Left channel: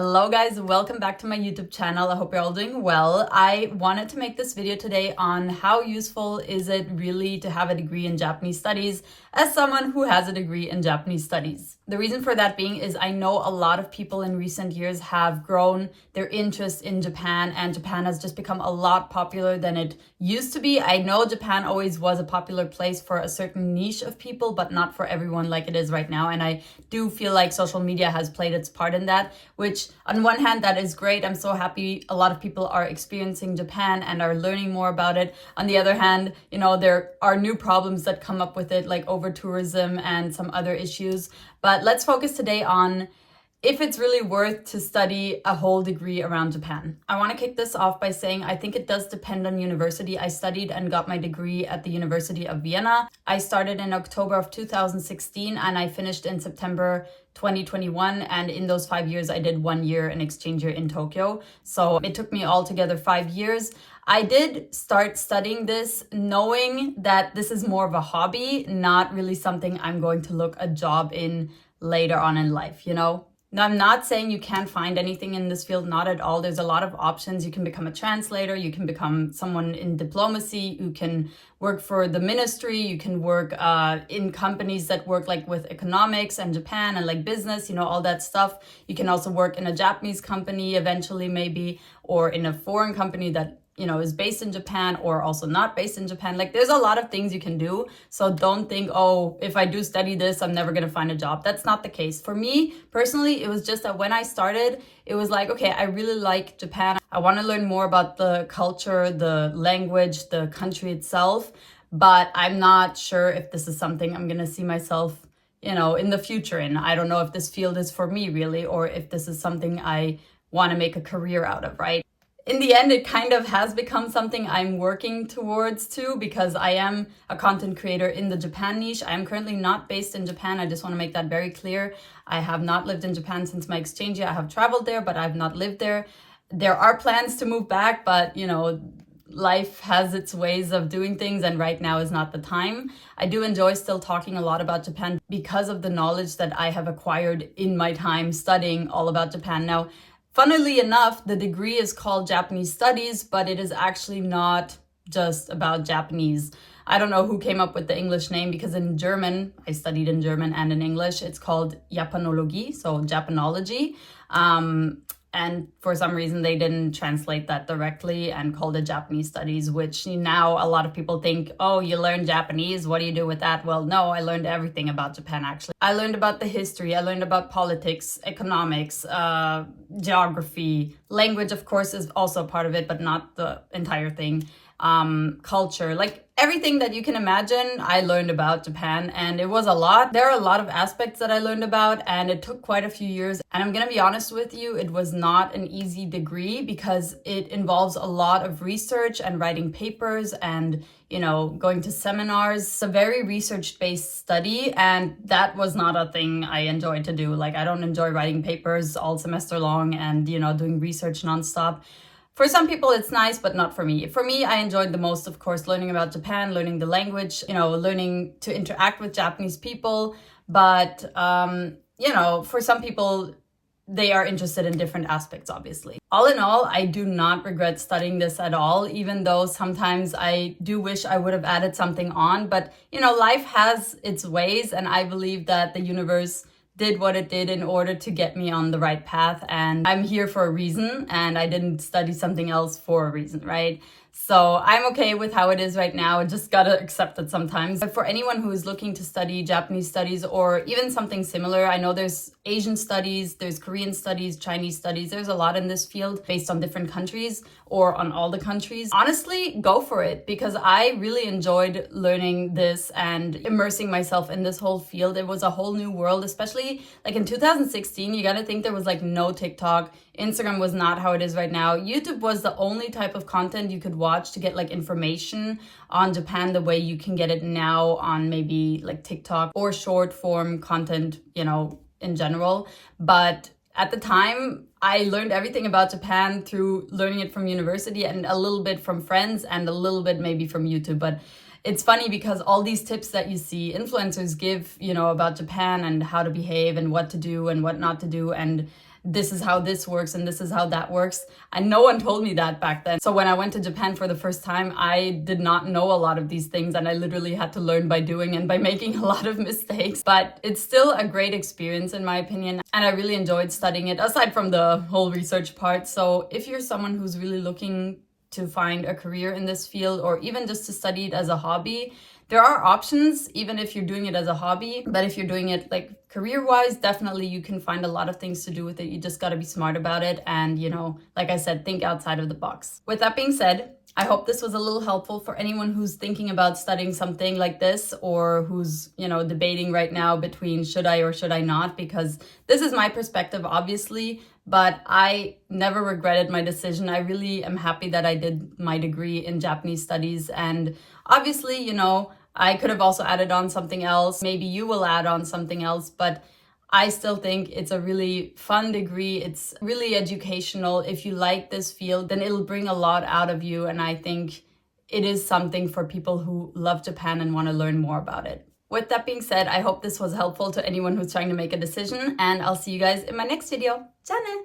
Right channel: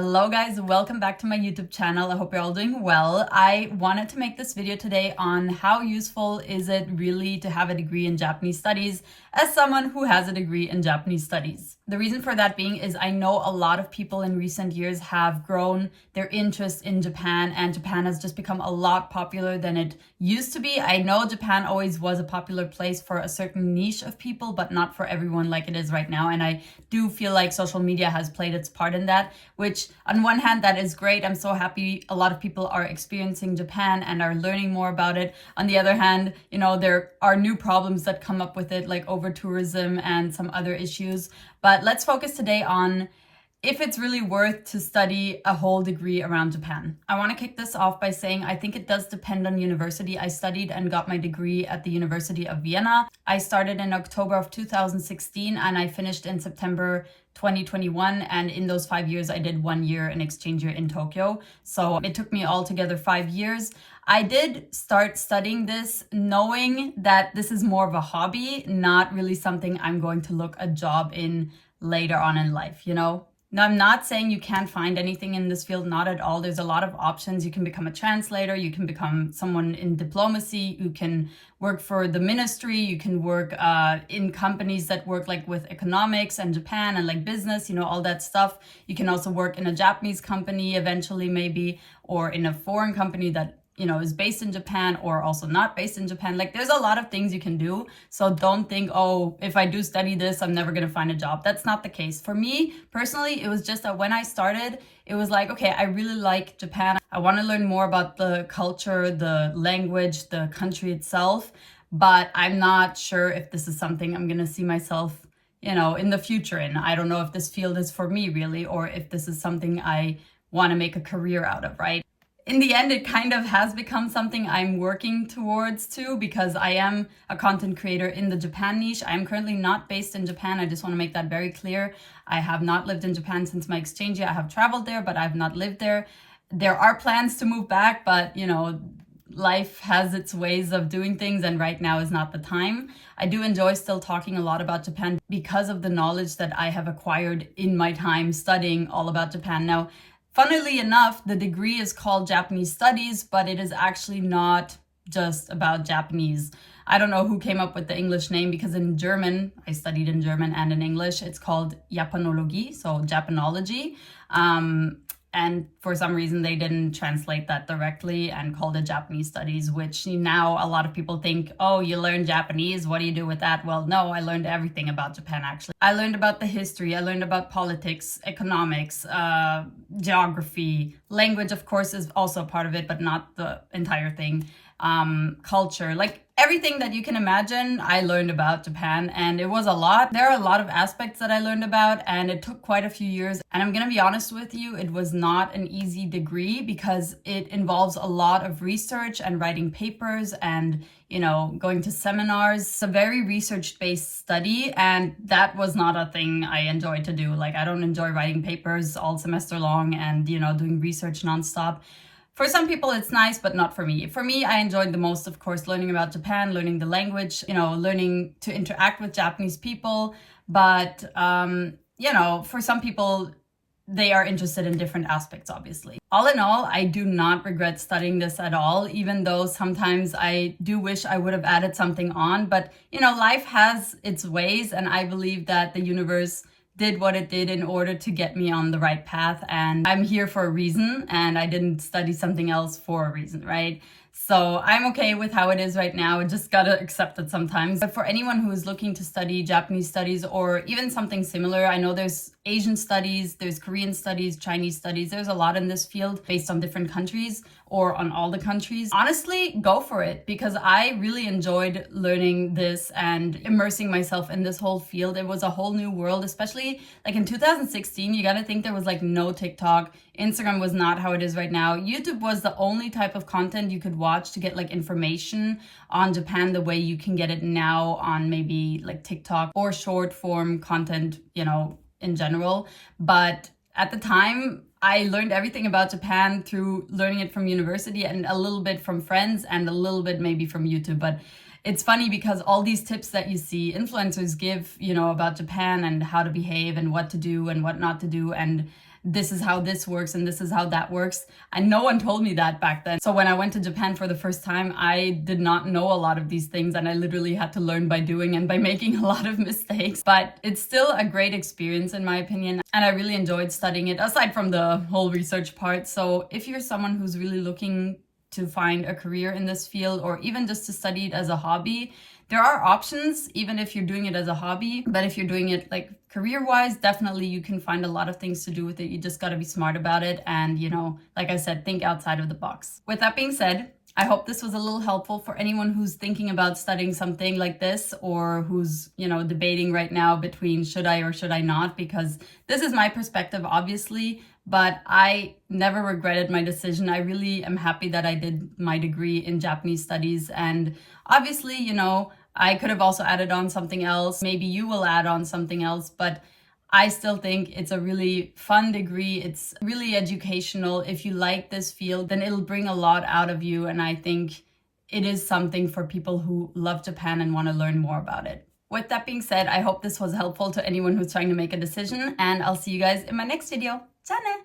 Hello guys, welcome back to my YouTube channel. I hope you're all doing well. I wanted to make this video today on how useful is it really to have a degree in Japanese studies as someone who has a degree in Japanese studies. The reason for that being is I know a lot of people in recent years have grown their interest in Japan, and Japan has just become a lot popular than it used to be. I know Japan always was a popular place for a certain niche of people, but not for everyone like it is right now. And I do feel like social media has played its part in that, which on one hand, that is great. I'm so happy a lot of people are experiencing Japan and are learning more about it. On the other hand, there are new problems that come up with it, like over tourism and some other issues. But let's focus today on if it's really worth to study a whole degree around Japan. I want to kick this off by saying I think it does depend on university. I studied and got my degree at the University of Vienna. I started in October of 2016 and I finished in September 2021, and in those 5 years I did 1 year an exchange year in Tokyo. So it took me altogether 5 years. I did start studying this knowing that this is more of a hobby, not really something I'm going to look a job in later on in life, Now, I'm not saying you can't find anything in this field, not at all. There's a lot of options. You can become a translator, you can become someone in diplomacy, you can work for the ministry, you can work in companies that work like with economics and Japan and like business, all that stuff. You can also work in a Japanese company eventually maybe, or in a foreign company that is based in Japan or also not based in Japan. Like there's a lot of things you can do. So don't think, oh, if I do study this, I'm never going to find a job. That's not the case. For me personally, it was just that when I started, it was like, okay, I really like Japan. I want to learn more about the culture, the language, the country itself. But I'm not sure if this is something I'm going to see myself, in the future in. I don't know if this field is for me really, or if this is something I want to make a career out of, right? In the end, it kind of has become something I'm working towards too, because I am a content creator in the Japan niche. I am currently not based in Japan. I just want to make that very clear. I have not lived in Japan since my exchange year. I have traveled there, but I've not lived there. There are plans to move back, but life has its ways of doing things, and right now is not the time. I do enjoy still talking a lot about Japan because of the knowledge that I have acquired in my time studying all about Japan. Now, funnily enough, the degree is called Japanese Studies, but it is actually not just about Japanese. I don't know who came up with the English name, because in German, I studied in German and in English, it's called Japanologie, so Japanology. And for some reason, they didn't translate that directly and called it Japanese Studies, which now a lot of people think, oh, you learn Japanese, what do you do with that? Well, no, I learned everything about Japan, actually. I learned about the history, I learned about politics, economics, geography. Language, of course, is also part of it, but not the entire thing. Culture, like everything that you can imagine, I learned about Japan, and it was a lot. There are a lot of aspects that I learned about, and it took quite a few years. And I'm gonna be honest with you, it was not an easy degree because it involves a lot of research and writing papers and going to seminars. It's a very research-based study, and that was not a thing I enjoyed to do. Like, I don't enjoy writing papers all semester long and doing research nonstop. For some people, it's nice, but not for me. For me, I enjoyed the most, of course, learning about Japan, learning the language, learning to interact with Japanese people. But, for some people, they are interested in different aspects, obviously. All in all, I do not regret studying this at all, even though sometimes I do wish I would have added something on. But, life has its ways, and I believe that the universe did what it did in order to get me on the right path, and I'm here for a reason, and I didn't study something else for a reason, right? So I'm okay with how it is right now. I just gotta accept it sometimes. But for anyone who is looking to study Japanese studies or even something similar, I know there's Asian studies, there's Korean studies, Chinese studies. There's a lot in this field based on different countries or on all the countries. Honestly, go for it, because I really enjoyed learning this and immersing myself in this whole field. It was a whole new world, especially like in 2016. You gotta think there was like no TikTok. Instagram was not how it is right now. YouTube was the only type of content you could watch to get like information on Japan the way you can get it now on maybe like TikTok or short form content, in general. But at the time, I learned everything about Japan through learning it from university and a little bit from friends and a little bit maybe from YouTube. But it's funny because all these tips that you see influencers give, about Japan and how to behave and what to do and what not to do, and this is how this works and this is how that works. And no one told me that back then. So when I went to Japan for the first time, I did not know a lot of these things, and I literally had to learn by doing and by making a lot of mistakes. But it's still a great experience in my opinion, and I really enjoyed studying it, aside from the whole research part. So if you're someone who's really looking to find a career in this field, or even just to study it as a hobby, there are options, even if you're doing it as a hobby. But if you're doing it like career-wise, definitely you can find a lot of things to do with it. You just got to be smart about it and, you know, like I said, think outside of the box. With that being said, I hope this was a little helpful for anyone who's thinking about studying something like this, or who's, you know, debating right now between should I or should I not, because this is my perspective, obviously, but I never regretted my decision. I really am happy that I did my degree in Japanese studies, and obviously, you know, I could have also added on something else. Maybe you will add on something else, but I still think it's a really fun degree. It's really educational. If you like this field, then it'll bring a lot out of you. And I think it is something for people who love Japan and want to learn more about it. With that being said, I hope this was helpful to anyone who's trying to make a decision, and I'll see you guys in my next video. Ciao!